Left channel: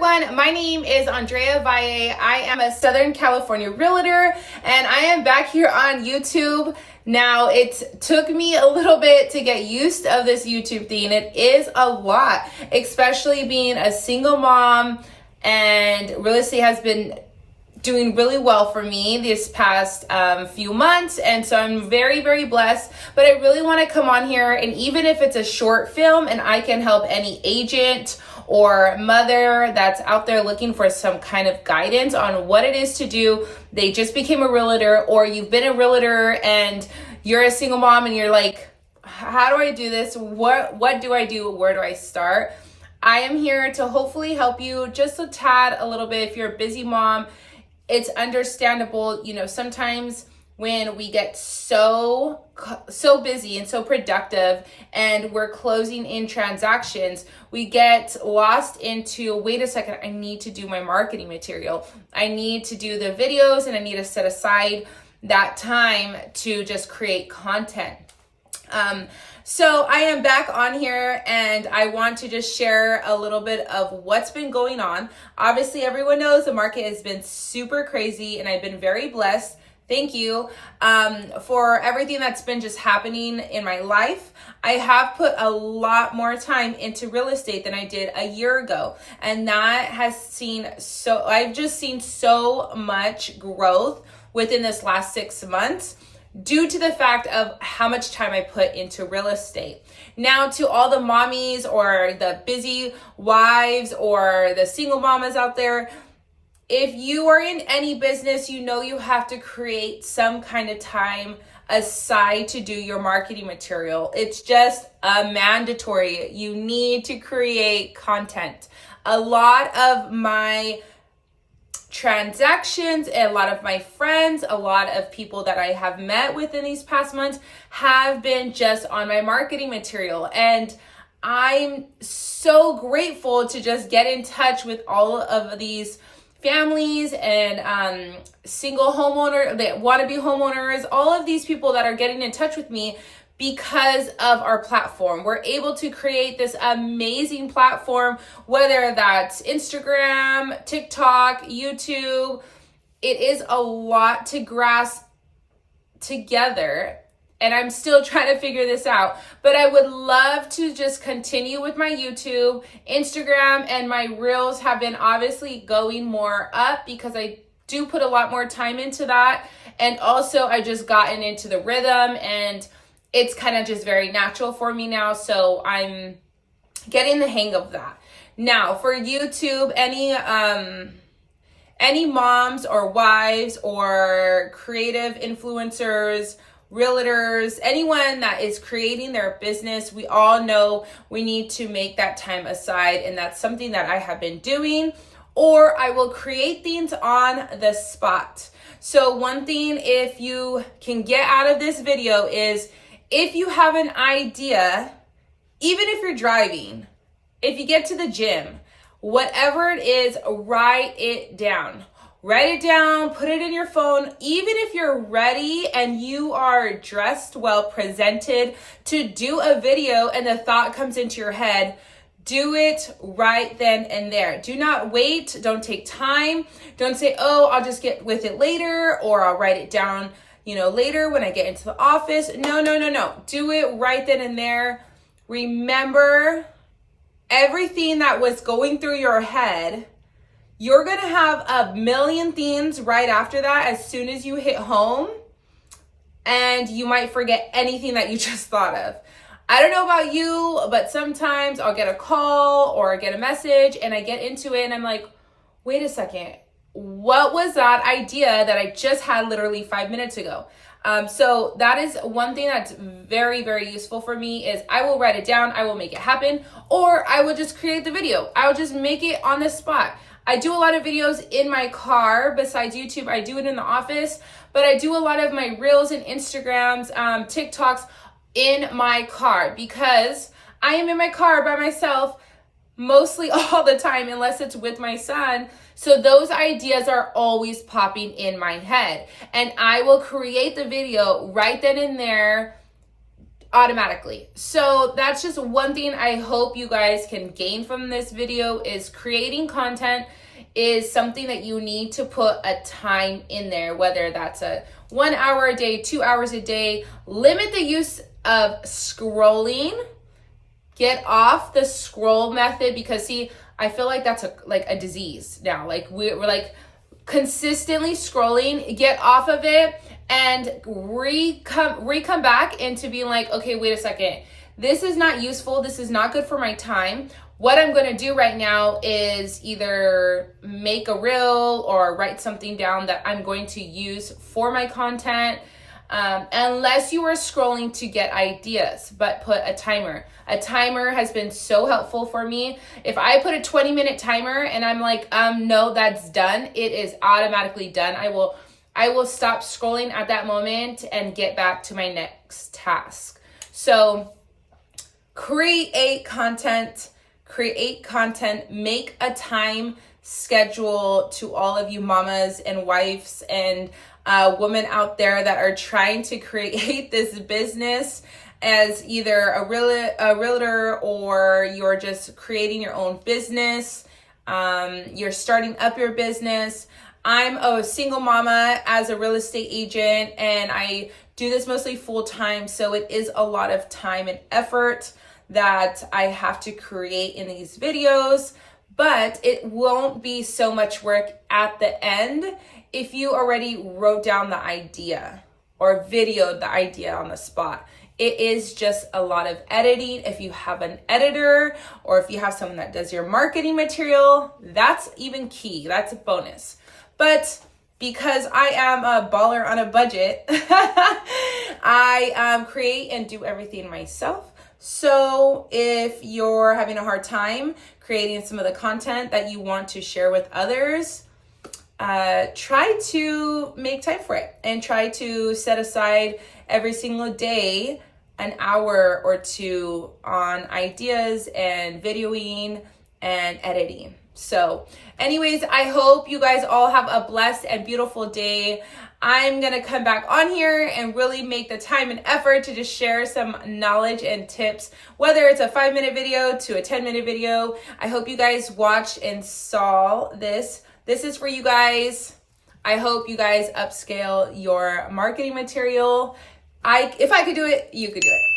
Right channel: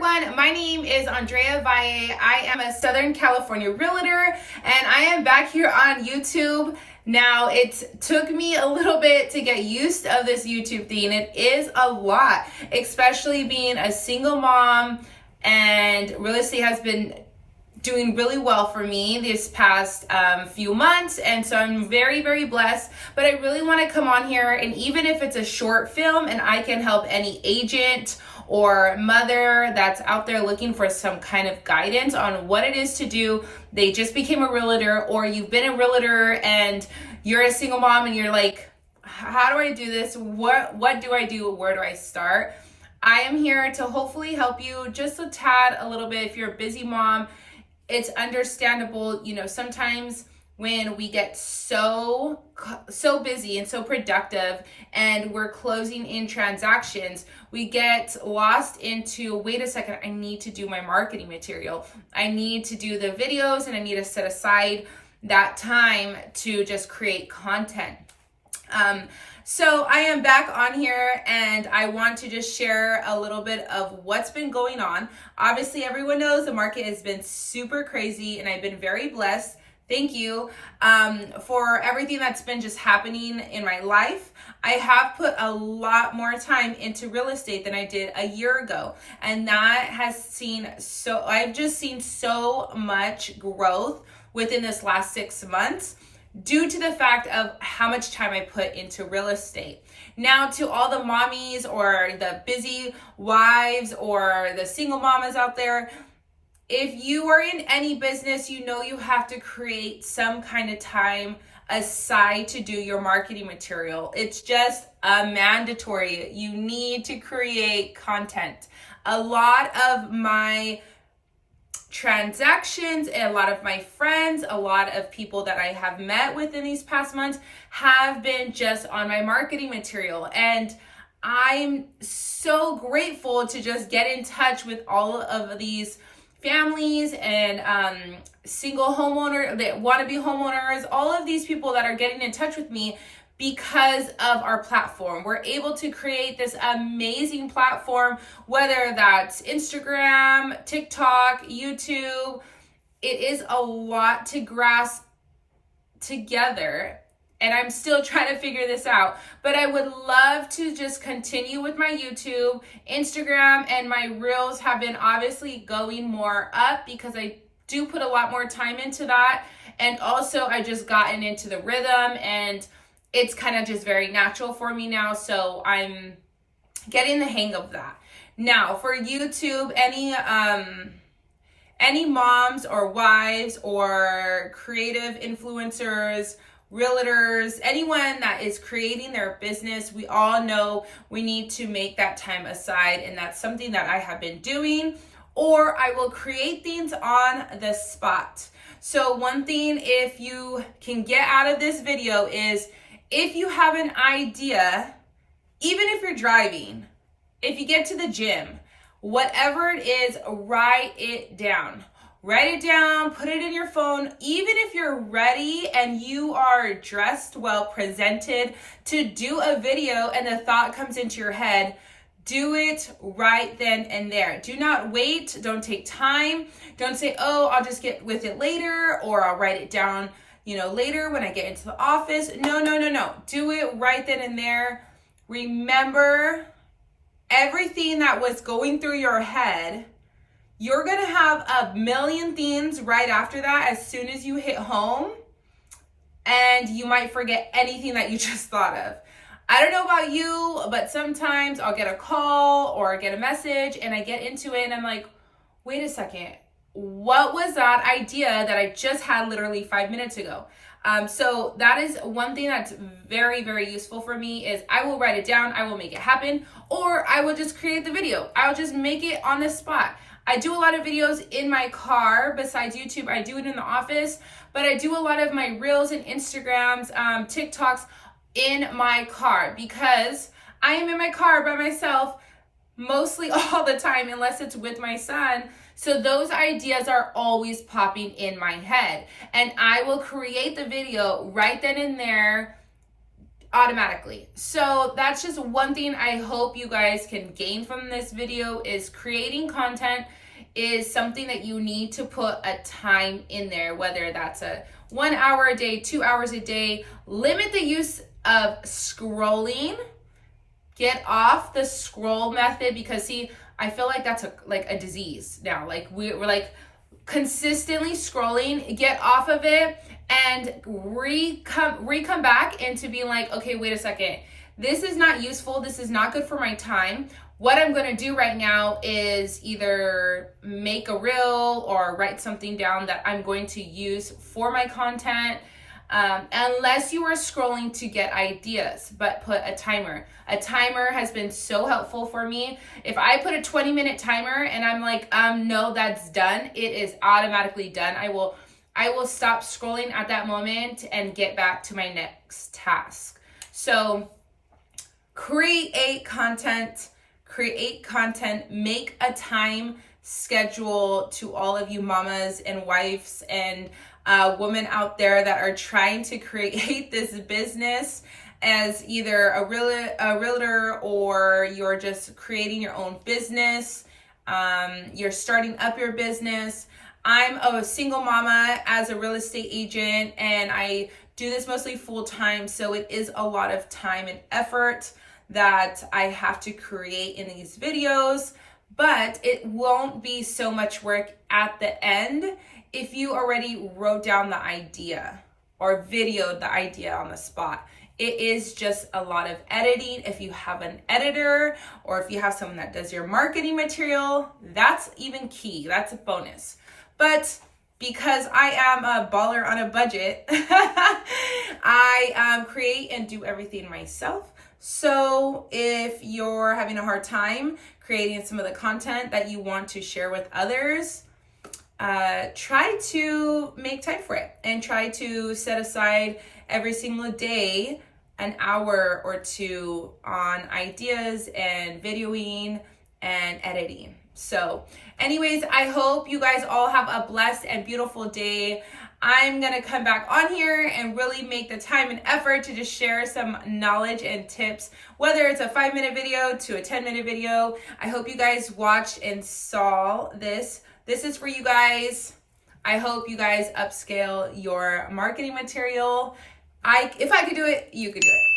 everyone, my name is Andrea Valle. I am a Southern California realtor and I am back here on YouTube. Now, it took me a little bit to get used of this YouTube thing. It is a lot, especially being a single mom, and real estate has been doing really well for me this past few months, and so I'm very, very blessed. But I really want to come on here, and even if it's a short film and I can help any agent or mother that's out there looking for some kind of guidance on what it is to do, they just became a realtor, or you've been a realtor and you're a single mom and you're like, how do I do this? What do I do? Where do I start? I am here to hopefully help you just a tad, a little bit. If you're a busy mom, it's understandable. You know, sometimes when we get so busy and so productive and we're closing in transactions, we get lost into, wait a second, I need to do my marketing material. I need to do the videos, and I need to set aside that time to just create content. So I am back on here, and I want to just share a little bit of what's been going on. Obviously, everyone knows the market has been super crazy, and I've been very blessed. Thank you for everything that's been just happening in my life. I have put a lot more time into real estate than I did a year ago, and that has I've just seen so much growth within this last 6 months, due to the fact of how much time I put into real estate. Now, to all the mommies or the busy wives or the single mamas out there, if you are in any business, you know you have to create some kind of time aside to do your marketing material. It's just mandatory. You need to create content. A lot of my transactions and a lot of my friends, a lot of people that I have met within these past months have been just on my marketing material. And I'm so grateful to just get in touch with all of these families and single homeowners that want to be homeowners, all of these people that are getting in touch with me because of our platform. We're able to create this amazing platform, whether that's Instagram, TikTok, YouTube. It is a lot to grasp together, and I'm still trying to figure this out. But I would love to just continue with my YouTube. Instagram and my Reels have been obviously going more up because I do put a lot more time into that. And also I just gotten into the rhythm, and it's kind of just very natural for me now. So I'm getting the hang of that. Now for YouTube, any moms or wives or creative influencers, realtors, anyone that is creating their business, we all know we need to make that time aside. And that's something that I have been doing, or I will create things on the spot. So one thing, if you can get out of this video, is if you have an idea, even if you're driving, if you get to the gym, whatever it is, write it down. Write it down, put it in your phone. Even if you're ready and you are dressed well, presented to do a video, and the thought comes into your head, do it right then and there. Do not wait. Don't take time. Don't say, oh, I'll just get with it later, or I'll write it down, later when I get into the office. No. Do it right then and there. Remember everything that was going through your head. You're going to have a million things right after that as soon as you hit home, and you might forget anything that you just thought of. I don't know about you, but sometimes I'll get a call or get a message and I get into it and I'm like, wait a second, what was that idea that I just had literally 5 minutes ago? So that is one thing that's very, very useful for me, is I will write it down, I will make it happen, or I will just create the video. I'll just make it on the spot. I do a lot of videos in my car. Besides YouTube, I do it in the office, but I do a lot of my Reels and Instagrams, TikToks in my car, because I am in my car by myself mostly all the time, unless it's with my son. So those ideas are always popping in my head, and I will create the video right then and there automatically. So that's just one thing I hope you guys can gain from this video, is creating content is something that you need to put a time in there, whether that's a 1 hour a day, 2 hours a day. Limit the use of scrolling. Get off the scroll method, because see, I feel like that's a disease now. Like we're like consistently scrolling. Get off of it and come back into being like, okay, wait a second. This is not useful. This is not good for my time. What I'm going to do right now is either make a reel or write something down that I'm going to use for my content. Unless you are scrolling to get ideas, but put a timer. A timer has been so helpful for me. If I put a 20-minute timer and I'm like, no, that's done, it is automatically done. I will stop scrolling at that moment and get back to my next task. So create content, make a time schedule. To all of you mamas and wives and women out there that are trying to create this business as either a realtor, or you're just creating your own business, you're starting up your business. I'm a single mama as a real estate agent, and I do this mostly full time, so it is a lot of time and effort that I have to create in these videos, but it won't be so much work at the end if you already wrote down the idea or videoed the idea on the spot. It is just a lot of editing. If you have an editor, or if you have someone that does your marketing material, that's even key. That's a bonus. But because I am a baller on a budget, I create and do everything myself. So if you're having a hard time creating some of the content that you want to share with others, try to make time for it, and try to set aside every single day an hour or two on ideas and videoing and editing. So anyways, I hope you guys all have a blessed and beautiful day. I'm gonna come back on here and really make the time and effort to just share some knowledge and tips, whether it's a 5-minute video to a 10-minute video. I hope you guys watched and saw this. This is for you guys. I hope you guys upscale your marketing material. If I could do it, you could do it.